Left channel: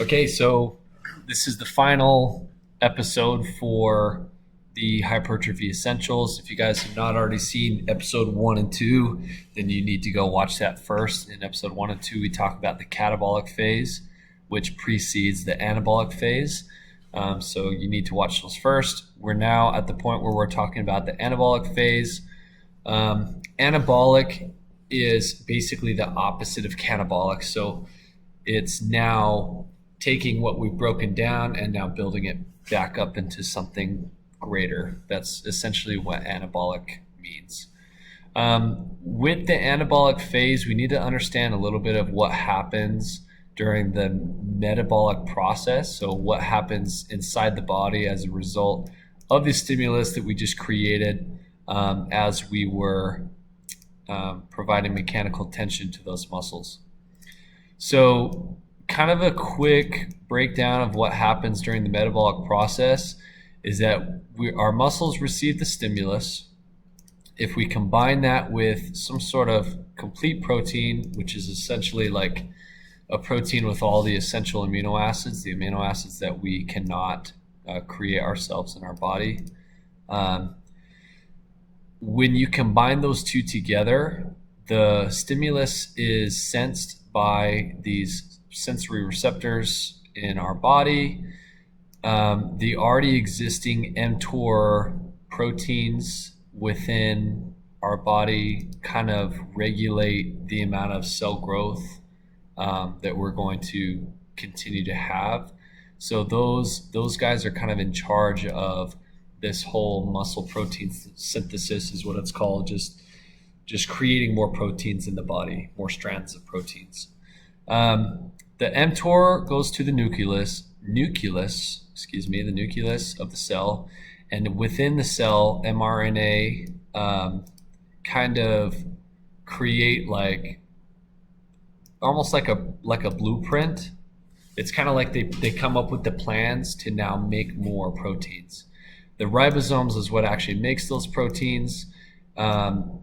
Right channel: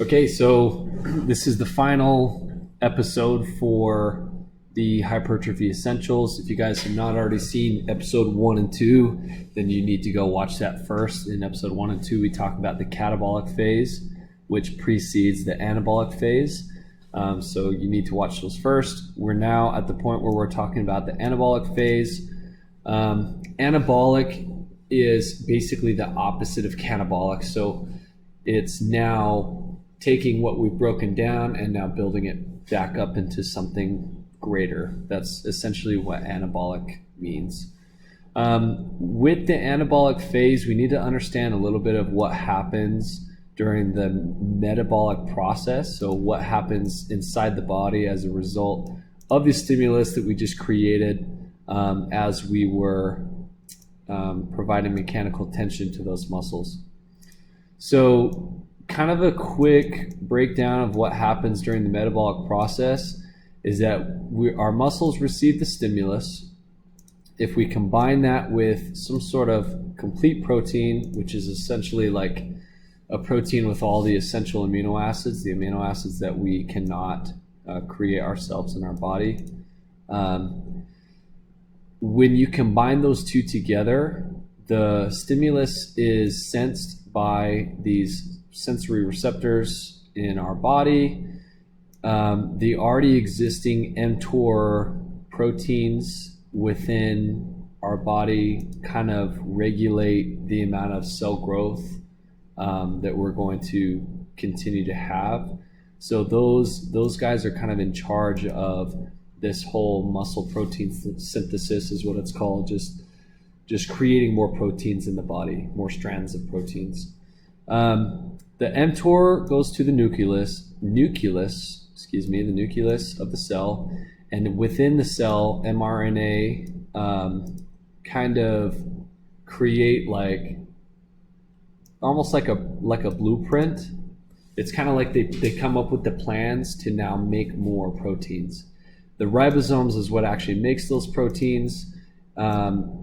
Okay, so this is the final episode for the Hypertrophy Essentials. If you guys have not already seen episode 1 and 2, then you need to go watch that first. In episode 1 and 2, we talk about the catabolic phase, which precedes the anabolic phase. So you need to watch those first. We're now at the point where we're talking about the anabolic phase. Anabolic is basically the opposite of catabolic. So it's now taking what we've broken down and now building it back up into something greater. That's essentially what anabolic means. With the anabolic phase, we need to understand a little bit of what happens during the metabolic process. So what happens inside the body as a result of the stimulus that we just created as we were providing mechanical tension to those muscles. So kind of a quick breakdown of what happens during the metabolic process is that our muscles receive the stimulus. If we combine that with some sort of complete protein, which is essentially like a protein with all the essential amino acids, the amino acids that we cannot create ourselves in our body. When you combine those two together, the stimulus is sensed by these sensory receptors in our body. The already existing mTOR proteins within our body kind of regulate the amount of cell growth that we're going to continue to have. So those guys are kind of in charge of this whole muscle protein synthesis is what it's called, just creating more proteins in the body, more strands of proteins. The mTOR goes to the nucleus of the cell, and within the cell, mRNA kind of create almost like a blueprint. It's kind of like they come up with the plans to now make more proteins. The ribosomes is what actually makes those proteins.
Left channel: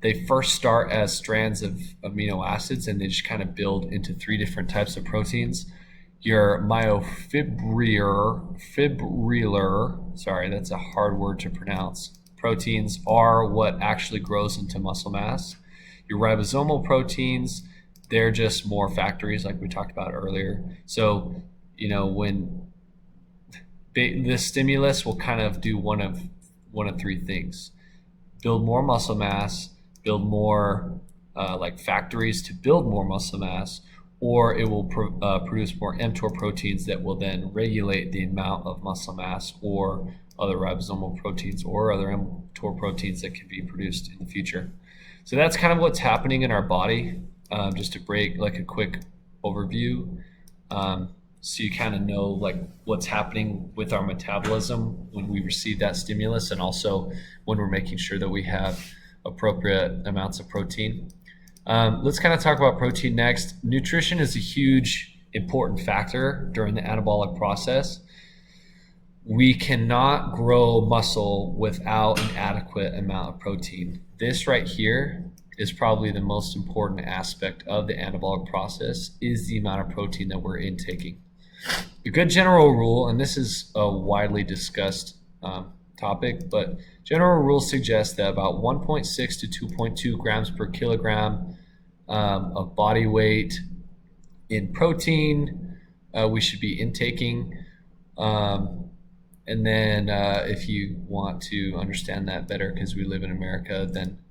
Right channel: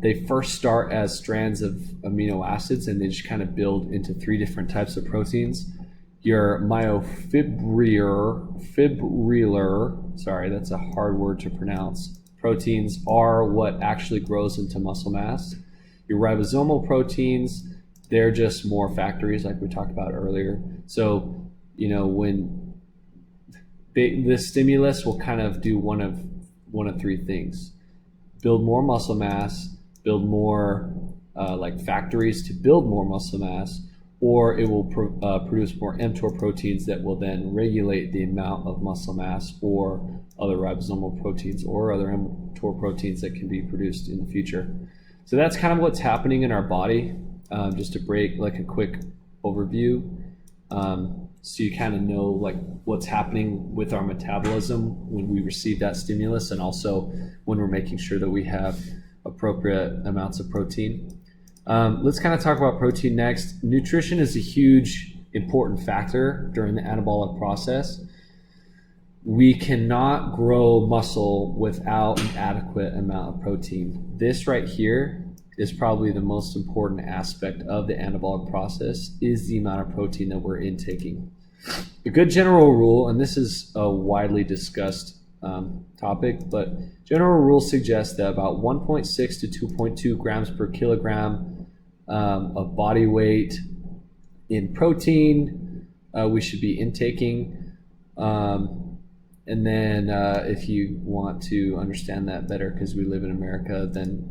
They first start as strands of amino acids, and they just kind of build into 3 different types of proteins. Your myofibrillar, sorry, that's a hard word to pronounce, proteins are what actually grows into muscle mass. Your ribosomal proteins, they're just more factories like we talked about earlier. So, when this stimulus will kind of do one of 3 things: build more muscle mass, build more factories to build more muscle mass, or it will produce more mTOR proteins that will then regulate the amount of muscle mass or other ribosomal proteins or other mTOR proteins that can be produced in the future. So that's kind of what's happening in our body. Just to break a quick overview, so you kind of know what's happening with our metabolism when we receive that stimulus, and also when we're making sure that we have appropriate amounts of protein. Let's kind of talk about protein next. Nutrition is a huge important factor during the anabolic process. We cannot grow muscle without an adequate amount of protein. This right here is probably the most important aspect of the anabolic process, is the amount of protein that we're intaking. A good general rule, and this is a widely discussed topic, but general rules suggest that about 1.6 to 2.2 grams per kilogram of body weight in protein we should be intaking. And then if you want to understand that better, because we live in America, then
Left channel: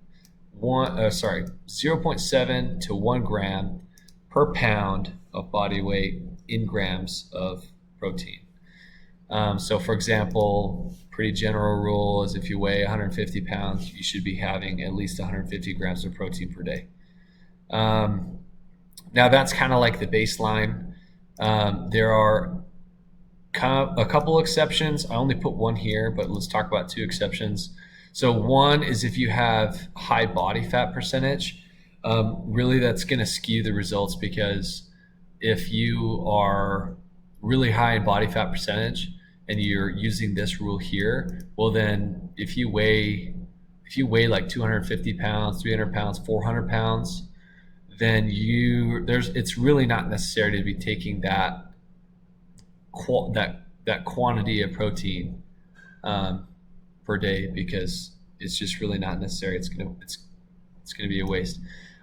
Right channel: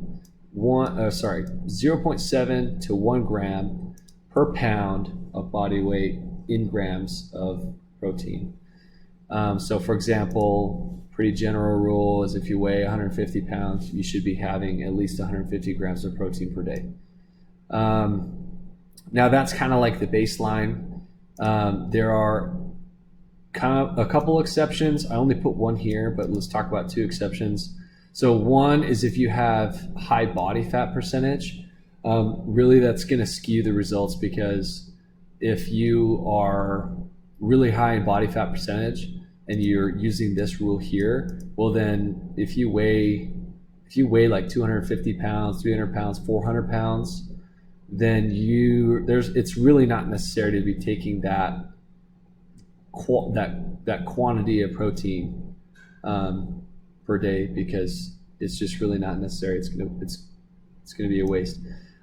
0.7 to 1 gram per pound of body weight in grams of protein. So for example, pretty general rule is if you weigh 150 pounds, you should be having at least 150 grams of protein per day. Now that's kind of like the baseline. There are kind of a couple exceptions. I only put one here, but let's talk about 2 exceptions. So one is if you have high body fat percentage, really that's going to skew the results, because if you are really high in body fat percentage and you're using this rule here, well then if you weigh like 250 pounds, 300 pounds, 400 pounds, then it's really not necessary to be taking that that quantity of protein per day, because it's just really not necessary. It's gonna be a waste.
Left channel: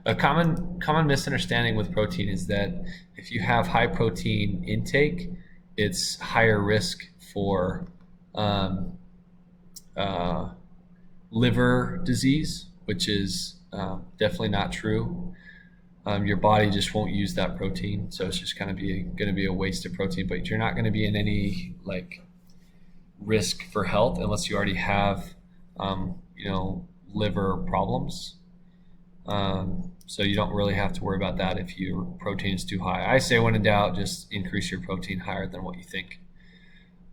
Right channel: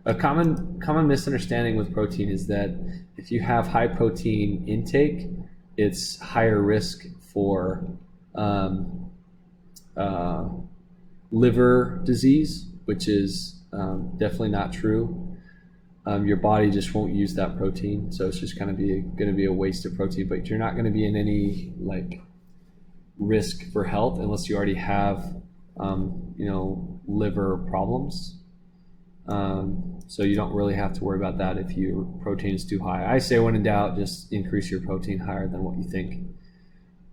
A common misunderstanding with protein is that if you have high protein intake, it's higher risk for liver disease, which is definitely not true. Your body just won't use that protein, so it's just going to be a waste of protein. But you're not going to be in any like risk for health unless you already have liver problems. So you don't really have to worry about that if your protein is too high. I say when in doubt, just increase your protein higher than what you think.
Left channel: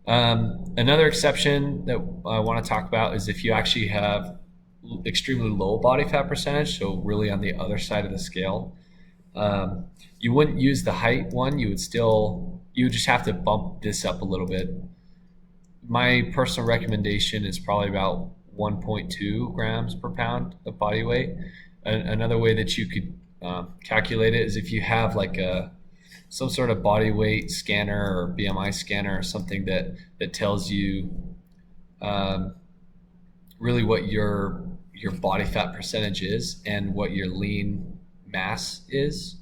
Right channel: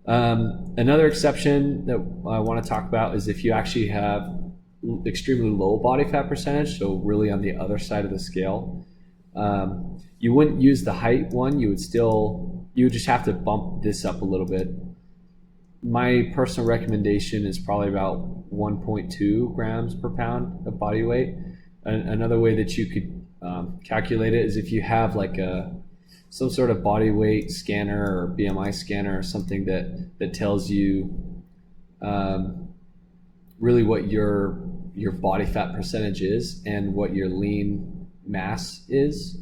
Another exception that I want to talk about is if you actually have extremely low body fat percentage, so really on the other side of the scale. You wouldn't use the height one. You would just have to bump this up a little bit. My personal recommendation is probably about 1.2 grams per pound of body weight. Another way that you could calculate it is if you have like some sort of body weight scanner or BMI scanner or something that tells you really what your body fat percentage is and what your lean mass is,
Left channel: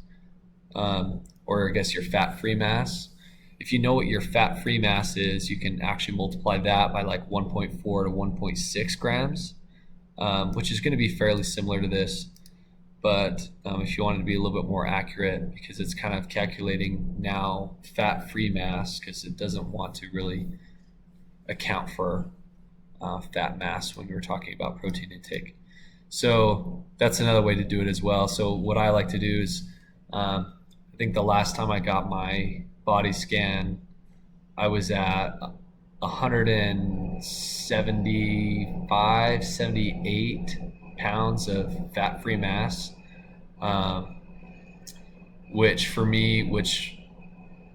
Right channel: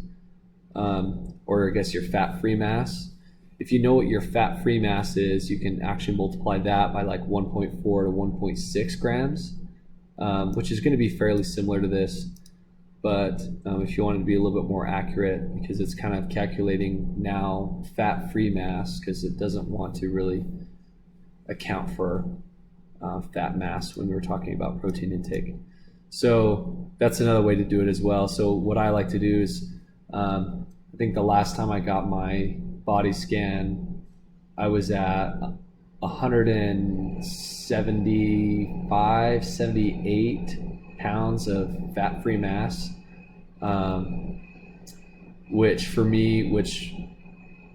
or I guess your fat-free mass. If you know what your fat-free mass is, you can actually multiply that by like 1.4 to 1.6 grams, which is going to be fairly similar to this. But if you wanted to be a little bit more accurate, because it's kind of calculating now fat-free mass, because it doesn't want to really account for fat mass when we were talking about protein intake. So that's another way to do it as well. So what I like to do is, I think the last time I got my body scan, I was at 175, 78 pounds of fat-free mass, which for me, which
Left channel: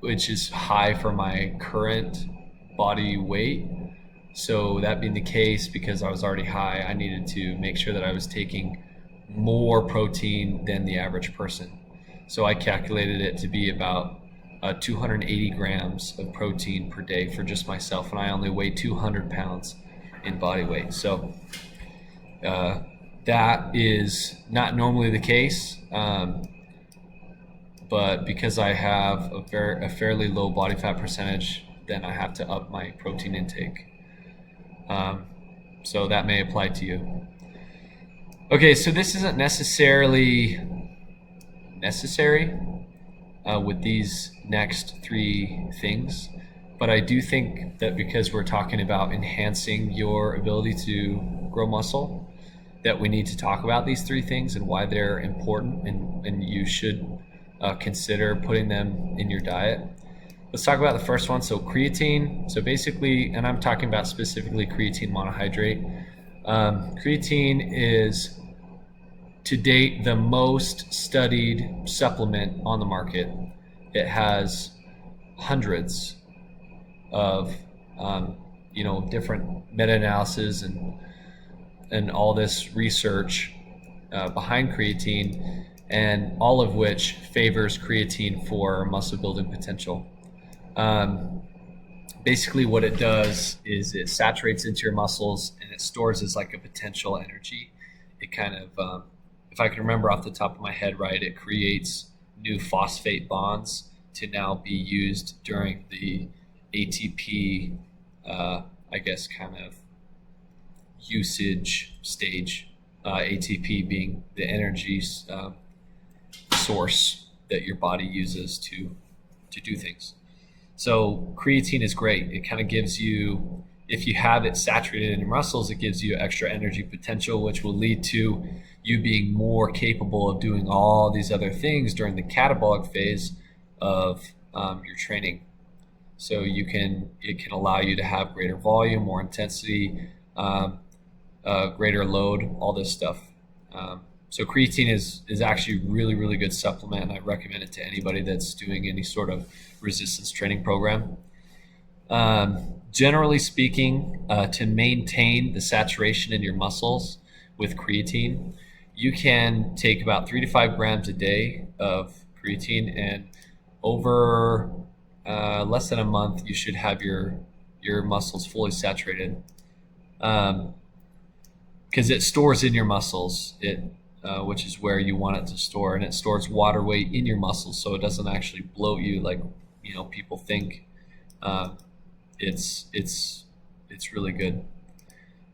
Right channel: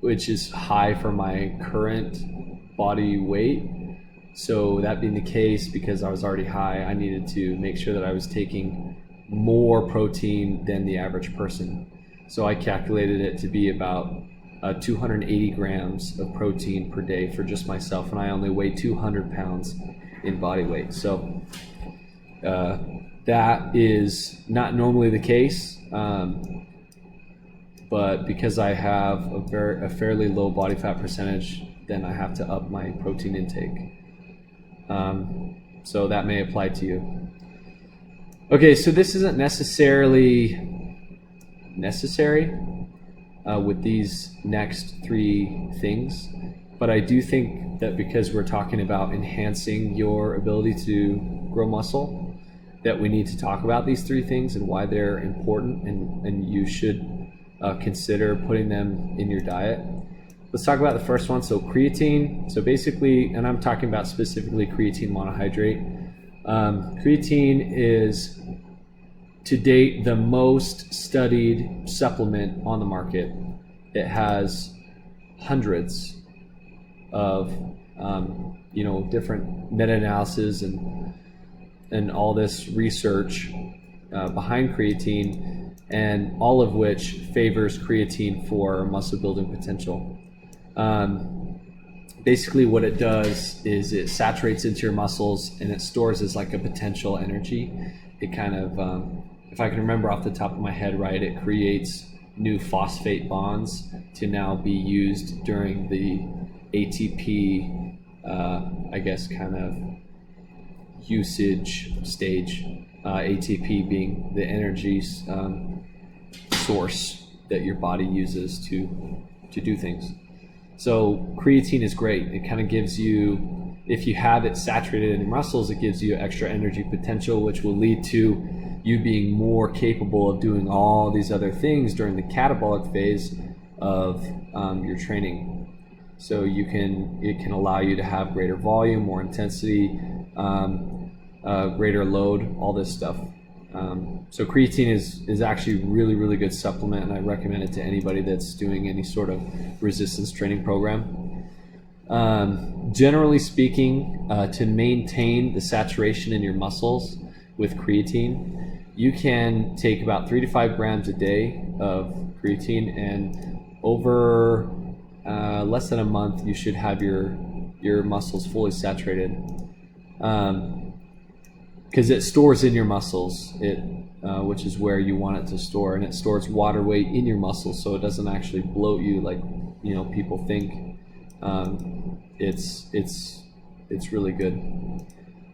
is high for my current body weight. So that being the case, because I was already high, I needed to make sure that I was taking more protein than the average person. So I calculated it to be about 280 grams of protein per day for just myself, and I only weigh 200 pounds in body weight. So that is not normally the case, but because I have a fairly low body fat percentage, then I have to up my protein intake. So that may apply to you. Okay, so this isn't necessarily necessary with these next three things, but I do think that because we're talking about enhancing your ability to grow muscle, that we need to talk about these three things and why they're important, and you should consider putting them in your diet. Let's talk about the first one. So creatine. So basically, and I'm talking about specifically creatine monohydrate. Creatine is to date the most studied supplement on the market. It has hundreds of different meta-analysis and all this research behind creatine, and all of which favors creatine for muscle building potential. Basically what it does is it saturates into your muscles and it stores as like a potential energy. It kind of, if I can remember off the top of my head right, it creates new phosphate bonds to now be used during the ATP, I guess, kind of usage stage. ATP being the energy source that your body uses to do things. So creatine is great. It kind of gives you, if you have it saturated in your muscles, it gives you extra energy potential, which will lead to you being more capable of doing all these other things during the catabolic phase of your training. So it can allow you to have greater volume, more intensity, greater load, all this stuff. So creatine is actually a really, really good supplement, and I recommend it to anybody that's doing any sort of resistance training program. Generally speaking, to maintain the saturation in your muscles with creatine, you can take about 3 to 5 grams a day of creatine, and over less than a month, you should have your muscles fully saturated, because it stores in your muscles, which is where you want it to store, and it stores water weight in your muscles, so it doesn't actually bloat you like people think. It's really good.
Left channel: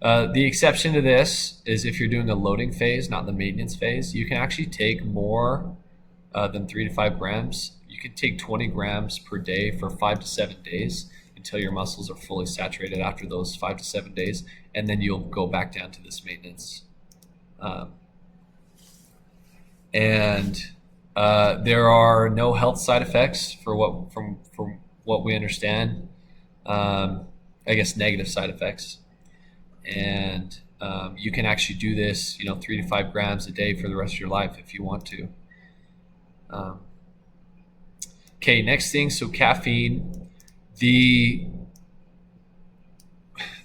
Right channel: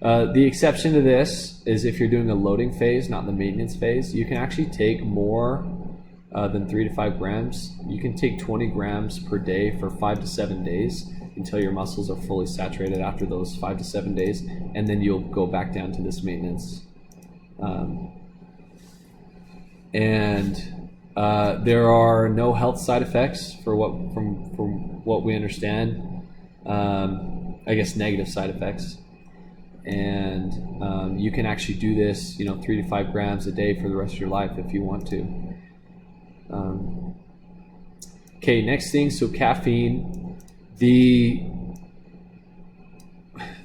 The exception to this is if you're doing a loading phase, not the maintenance phase. You can actually take more than 3 to 5 grams. You can take 20 grams per day for 5 to 7 days until your muscles are fully saturated after those 5 to 7 days, and then you'll go back down to this maintenance. There are no health side effects from what we understand. I guess negative side effects. And you can actually do this 3 to 5 grams a day for the rest of your life if you want to. Okay, next thing, so caffeine.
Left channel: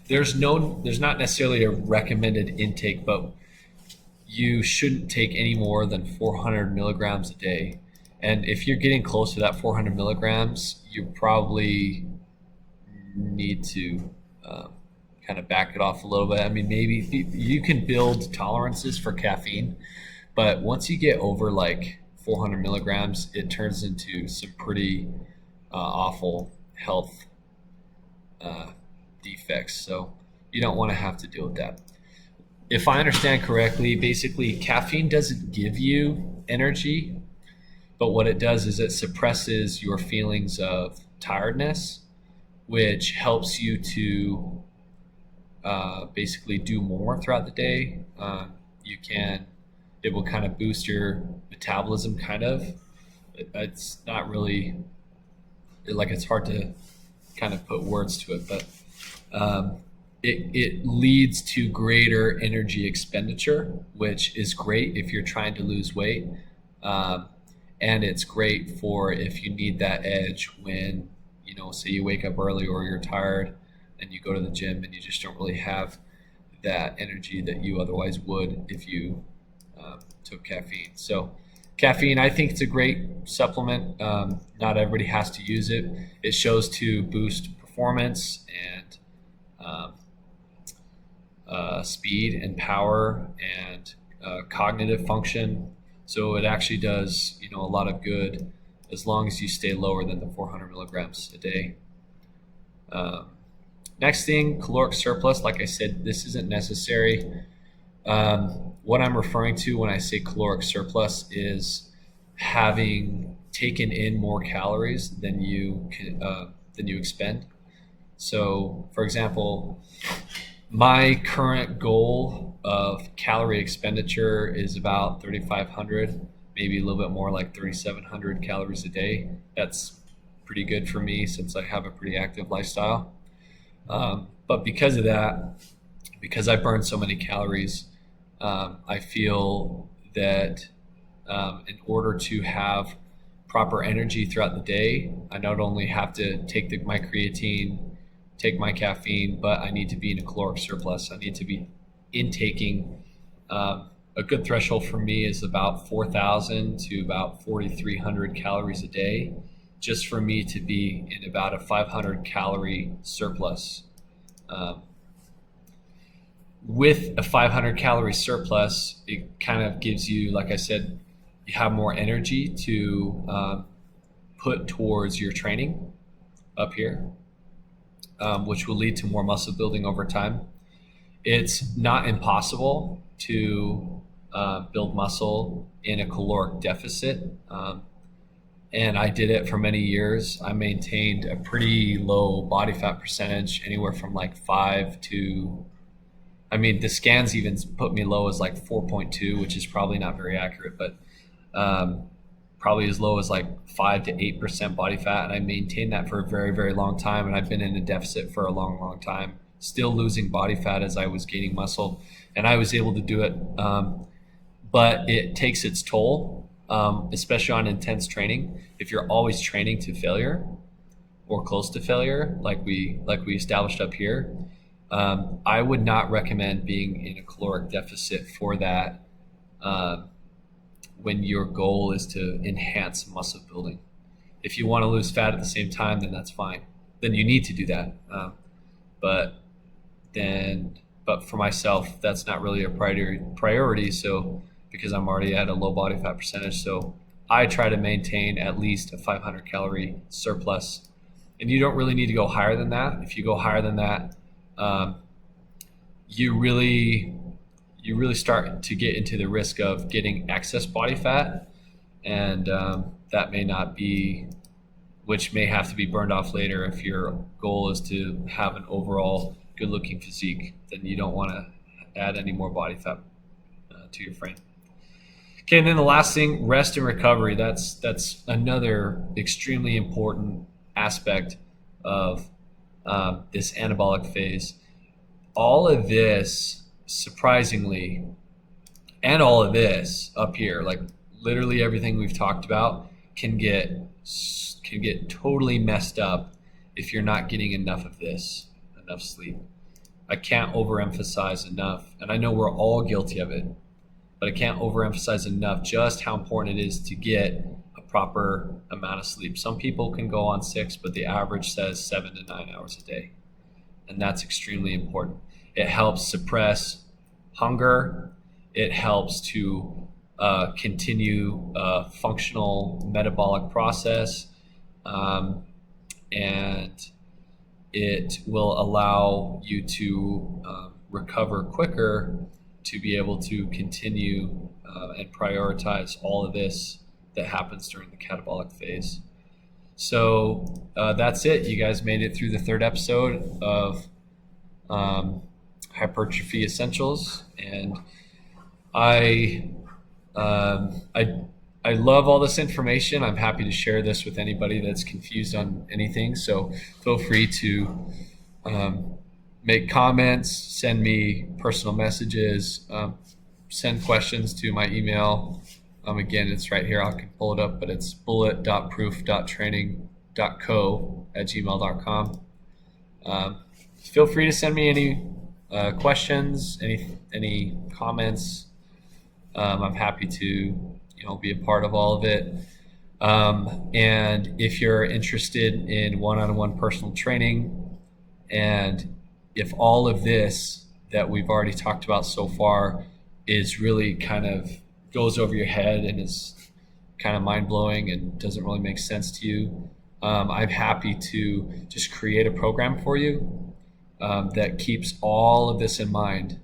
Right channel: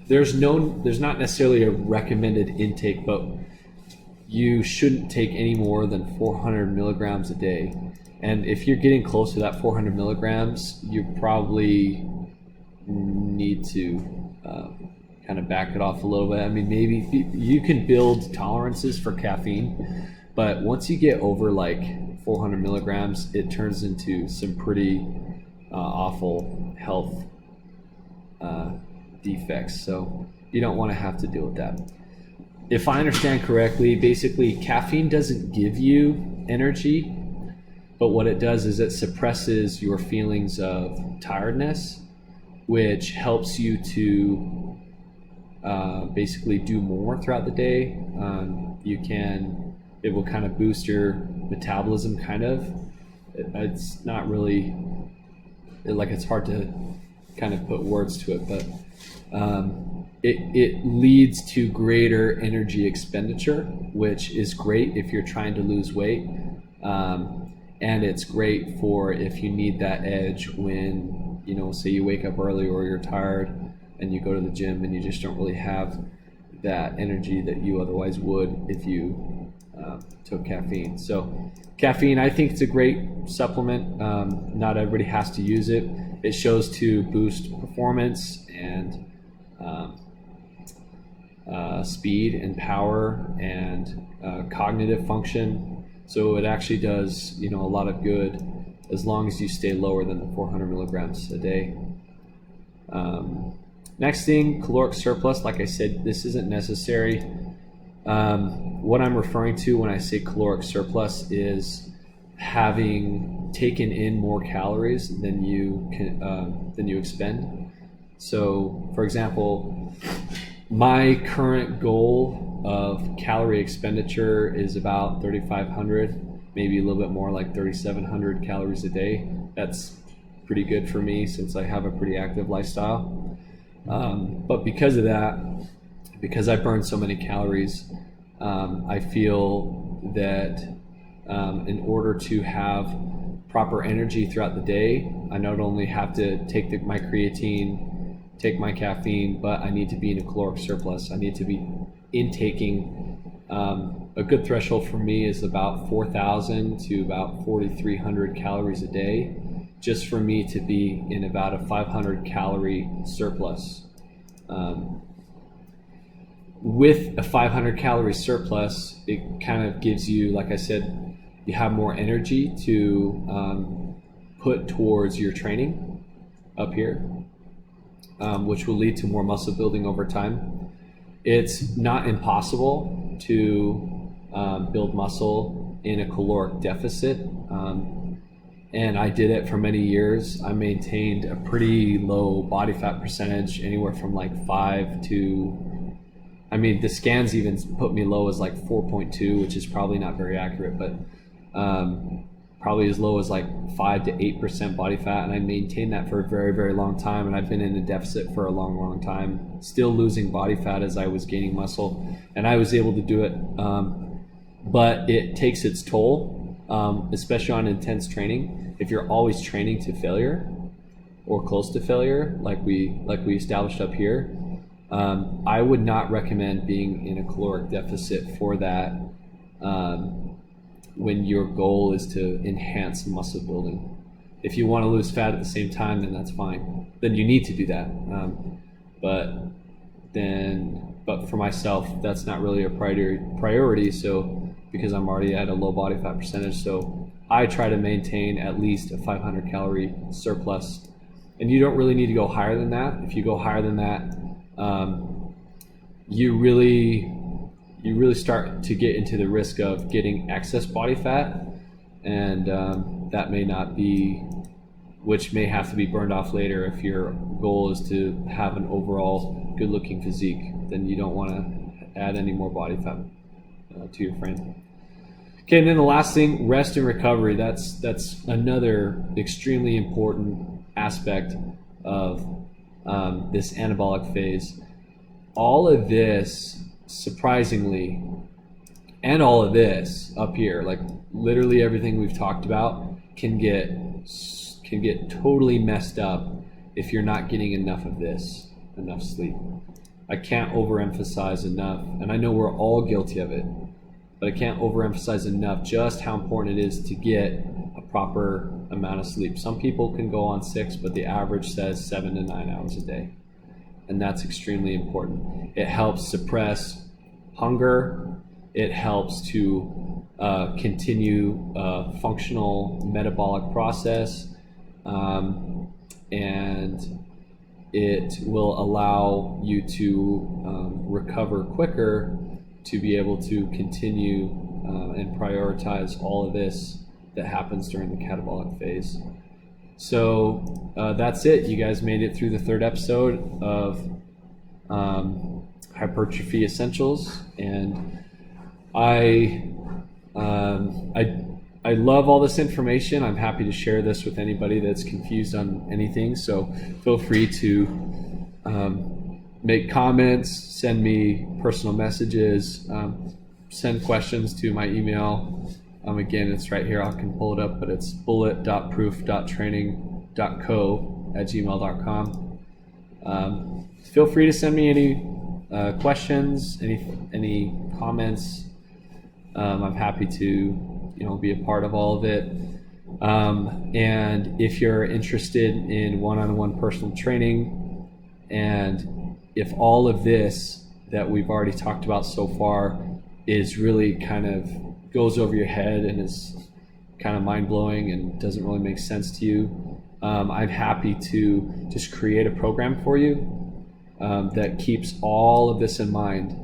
There's not necessarily a recommended intake, but you shouldn't take any more than 400 milligrams a day. And if you're getting close to that 400 milligrams, you probably need to kind of back it off a little bit. I mean, maybe you can build tolerances for caffeine, but once you get over like 400 milligrams, it turns into some pretty awful health defects. So you don't want to have to deal with that. If I understand correctly, basically caffeine doesn't give you energy, but what it does is it suppresses your feelings of tiredness, which helps you to basically do more throughout the day. It will kind of boost your metabolism, kind of. It's not really, it's hard to kind of put words to it, but it leads to greater energy expenditure, which is great if you're trying to lose weight. And it's great for if you need that edge when, say you wake up early or you're tired and you go to the gym and you just don't really have that energy that you otherwise would if you took caffeine. So caffeine, I think it's a great supplement. Not everybody has to use it. It shows to boost performance and speed and power and cognitive function. So it actually does, a lot of good as long as you stay lower than the 400 milligrams a day. Next thing, caloric surplus. Like I said, this isn't necessary. What I'm referring to when I say caloric surplus is having taken in more calories than you expend. So, for example, my current goal of calorie expenditure is about 3,500, maybe a little bit more, like 3,700 calories a day. That's pretty good for me since I have a pretty active lifestyle. But because of that, because I burn so many calories, I feel that in order to have proper energy throughout the day, I not only have to take my creatine, take my caffeine, but I need to be in a caloric surplus. I need to be intaking, a good threshold for me is about 4,000 to about 4,300 calories a day, just for me to be in about a 500 calorie surplus. With a 500 calorie surplus, it kind of gives you, like I said, you have more energy to put towards your training up here, which will lead to more muscle building over time. It's not impossible to build muscle in a caloric deficit. And I did it for many years. I maintained a pretty low body fat percentage, anywhere from like 5 to, the scans even put me low as like 4.2, which is probably not very accurate, but probably as low as like 5 to 8% body fat. And I maintained that for a very, very long time. And I've been in a deficit for a long, long time, still losing body fat as I was gaining muscle. And I was able to do it. But it takes its toll, especially on intense training. If you're always training to failure or close to failure, like we established up here, I would not recommend being in a caloric deficit for that when your goal is to enhance muscle building. If you want to lose fat at the same time, then that's fine. Then you need to do that. But for myself, that's not really a priority. So because I'm already at a low body fat percentage, so I try to maintain at least a 500 calorie surplus. And you don't really need to go higher than that. If you go higher than that, you really start to get into the risk of getting excess body fat, and that may not be, which may have to be burned off later. If your goal is to have an overall good looking physique, then you don't want to add any more body fat to your frame. Okay, and then the last thing, rest and recovery. That's another extremely important aspect of this anabolic phase. All of this, surprisingly, and all of this up here, like literally everything we've talked about, can get totally messed up if you're not getting enough sleep. I can't overemphasize enough, and I know we're all guilty of it, but I can't overemphasize enough just how important it is to get a proper amount of sleep. Some people can go on 6, but the average says 7 to 9 hours a day, and that's extremely important. It helps suppress hunger. It helps to continue a functional metabolic process, and it will allow you to recover quicker, to be able to continue and prioritize all of this that happens during the catabolic phase. So that's it. You guys made it through the 3rd episode of Hypertrophy Essentials, and I love all this information. I'm happy to share this with anybody that's confused on anything. So feel free to make comments, send me personal messages, send questions to my email. Again, it's right here. I can pull it up, but it's bullet.proof.training.co@gmail.com. Feel free to send me any questions, any comments. I'm happy to be a part of all of it. And if you're interested in one-on-one personal training, and if all of this that we've already talked about so far is really kind of goes over your head and is kind of mind-blowing and doesn't really make sense to you, I'm happy to just create a program for you that keeps all of this in mind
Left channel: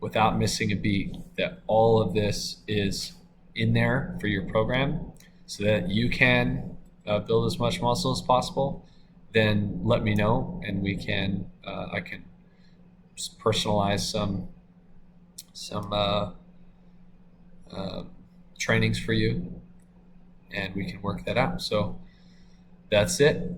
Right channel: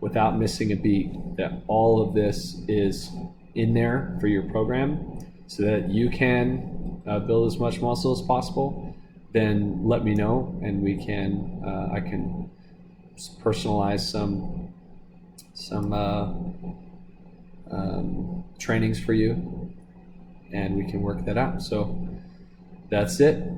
without missing a beat, that all of this is in there for your program so that you can build as much muscle as possible. Then let me know, and I can personalize some trainings for you, and we can work that out. So that's it.